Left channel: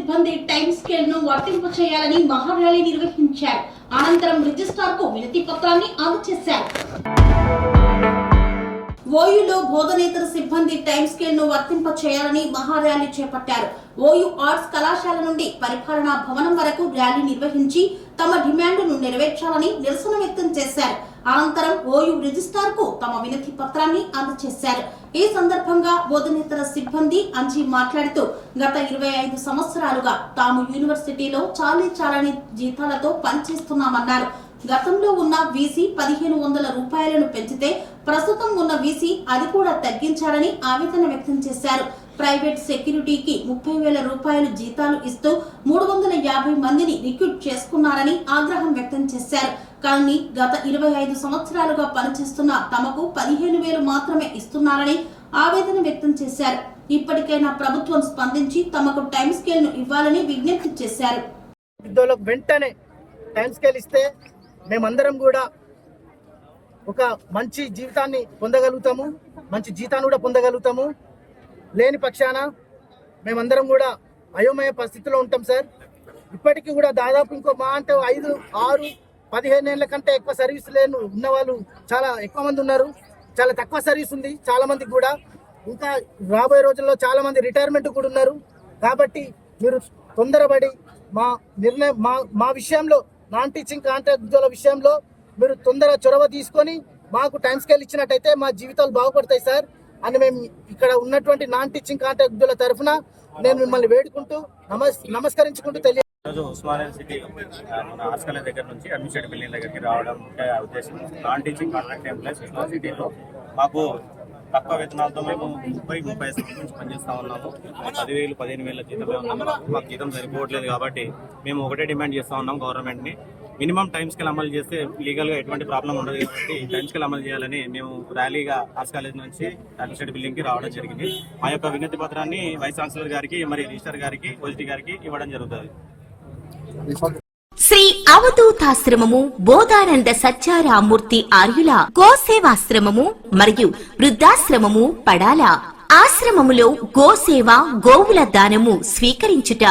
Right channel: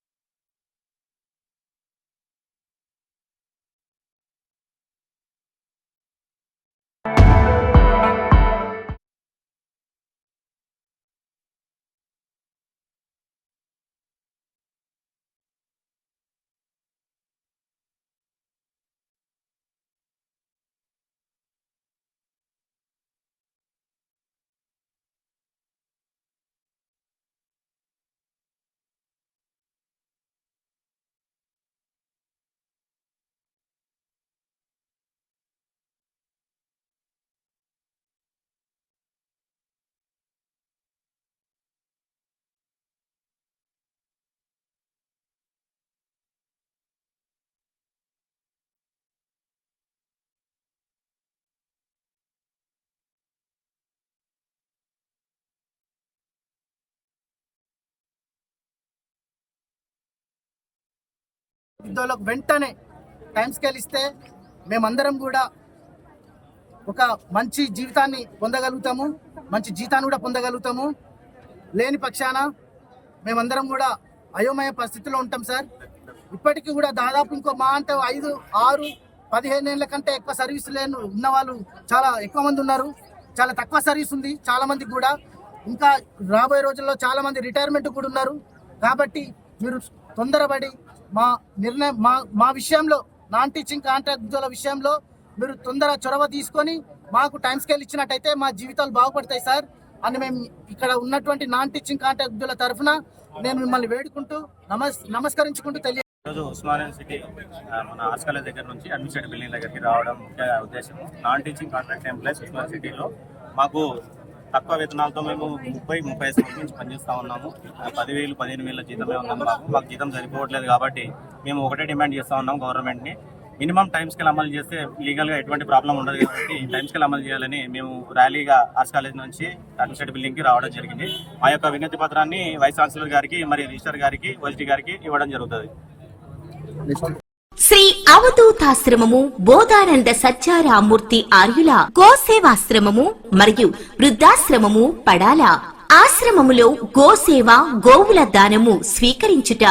సిబ్బంది time scale ను వర్తింప చేయాలని మహార్యాలీ నిర్వహించారు. అనంతరం రిజిస్ట్రార్ కు వినతి పత్రాన్ని అందజేశారు. ఓయూలో బోధనేతర సిబ్బంది టైం స్కేల్ ను వర్తింప చేయాలని మహార్యాలీ చేపట్టారు. ఓయూ ఆర్ట్స్ కళాశాల నుండి పరిపాలనా భవనం వరకు ర్యాలీ నిర్వహించి తమ డిమాండ్ను నెరవేర్చాలని నిరసన వ్యక్తం చేశారు. అనంతరం ఓయూ రిజిస్ట్రార్ కు తమ వినతి పత్రాన్ని అందజేశారు. ఈ సందర్భంగా బోధనేతర సిబ్బంది అంజీ మాట్లాడుతూ గత 25 సంవత్సరాలుగా తాము యూనివర్సిటీలో చాలని జీతాలతో పనిచేస్తున్నామన్నారు. గతంలో ఉన్న వీసీ 1500 రూపాయలను పెంచితే ప్రస్తుతం ఉన్న వీసీ అది కూడా తగ్గించాలని ఆవేదన వ్యక్తం చేశారు. ప్రైవేట్ సెక్యూరిటీకి 30,000 రూపాయలు జీతాలు ఇస్తూ 350 మందిని రిక్రూట్ చేసుకున్నారని ఆగ్రహం వ్యక్తం చేశారు. కానీ గత 25 సంవత్సరాలుగా పనిచేస్తున్న తమకు 15,000 మాత్రమే ఇస్తున్నారని ఆవేదన వ్యక్తం చేశారు. ఇప్పటికైనా ప్రభుత్వం స్పందించి తమకు టైం స్కేల్ ను ఇవ్వాలని విజ్ఞప్తి చేశారు. వెంటనే టైం స్కేల్ ఇస్తే మేమందరం కూడా ఒక మంచి జీవితాన్ని పొందగలుగుతాము, మంచి జీతాన్ని కూడా పొందగలుగుతాము. లేని పక్షాన మేమందరం కూడా అయోమయ పరిస్థితిలో ఉంటాం సార్. ఇప్పటికీ కూడా దాదాపు ఇంకో మా అంటే 5, 6, 15 ఏళ్ల కంటే ఎక్కువ సర్వీస్ లేని ఉన్న వాళ్ళు చాలా ఎక్కువ మంది ఉన్నారు. చాలా తక్కువ సర్వీస్ ఉంది చాలా మందికి కూడా. ఇంకా రాబోయే రోజుల్లో చాలా మంది రిటైర్మెంట్ కూడా ఉన్నారు. కాబట్టి మీరు తొందరపడి మా నిర్ణయం మా విషయంలో నాన్ టీచింగ్ కాంట్రాక్టుల విషయంలో మీరు తొందర చొరవ తీసుకొని మాకు టైం స్కేల్ ఇచ్చినట్టయితే మా జీవితాలు బాగుపడతాయి సార్ అని మేము ఇక్కడ ఉన్నటువంటి నాన్ టీచింగ్ కాంట్రాక్టుల తరఫున నేను మిమ్మల్ని వేడుకుంటూ నమస్కరించుకుంటూ ఈరోజు ఉస్మానియా సిటీ మన ఆర్ట్స్ కాలేజ్ దగ్గర నుంచి అడ్మినిస్ట్రేటివ్ బిల్డింగ్ దగ్గరికి రావడం ముఖ్య ఉద్దేశం. Non teaching contract employees Osmania సిటీలో మాకు తక్కువ వేతనాలతో మేము 30-35 సంవత్సరాల నుంచి పనిచేస్తూ ఉన్నాము. 10,000, 15,000 జీతమే ఉన్నాము. మాకు జీతం సరిపోవట్లేదు కాబట్టి మేము ఒకటే డిమాండ్ చేస్తూ ఉన్నాం గవర్నమెంట్ని. మినిమం టైం స్కేల్ అమలు చేస్తే లీగల్గా ఎటువంటి ప్రాబ్లం ఉండదు కాబట్టి టైం స్కేల్ అమలు చేయాలని మేము ర్యాలీగా ఆర్ట్స్ కాలేజ్ నుంచి అడ్మినిస్ట్రేటివ్ బిల్డింగ్కి రావడం జరిగింది. మా యొక్క వినతి పత్రాన్ని వైస్ ఛాన్సలర్ గారికి మరియు రిజిస్టర్ గారికి ఓఎస్టీ గారికి ఇవ్వడం జరుగుతుంది. శ్రీ అవధూతాశ్రమము బోధానంద సత్యారామూర్తి ఆర్యుల గోసేవాశ్రమము మరియు వృద్ధాశ్రమము పడాల ఆశ్రమములో గోసేవ గోవుల దానము స్వీకరించుట,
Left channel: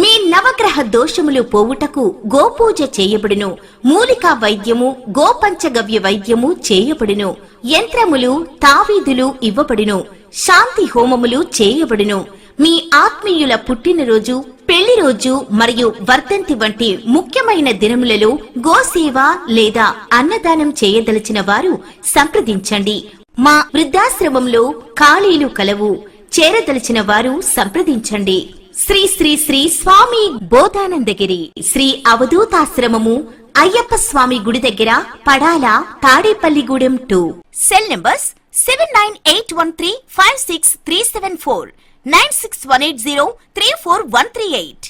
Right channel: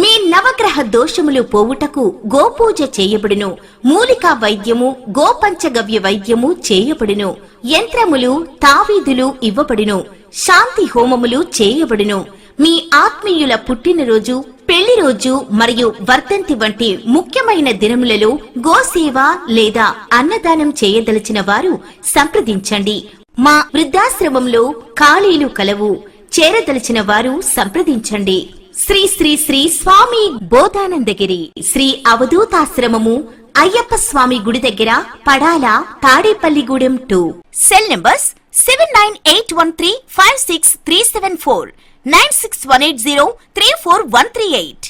మీ నవగ్రహ దోషములు పోవుటకు గోపూజ చేయబడును, మూలికా వైద్యము గోపంచగవ్య వైద్యము చేయబడును, యంత్రములు తావీదులు ఇవ్వబడును, శాంతి హోమములు చేయబడును. మీ ఆత్మీయుల పుట్టినరోజు, పెళ్లి రోజు మరియు వర్ధంతి వంటి ముఖ్యమైన దినములలో గోసేవ లేదా అన్నదానం చేయదలిచిన వారు సంప్రదించండి. మా వృద్ధాశ్రమంలో ఖాళీలు కలవు. చేరదలిచిన వారు సంప్రదించండి. శ్రీ శ్రీ శ్రీ స్వామి బోధానందగిరి శ్రీ అవధూతాశ్రమము అయ్యప్ప స్వామి గుడి దగ్గర పడాల తాడేపల్లిగూడెం 2. Cell numbers 7981356374 96180341138.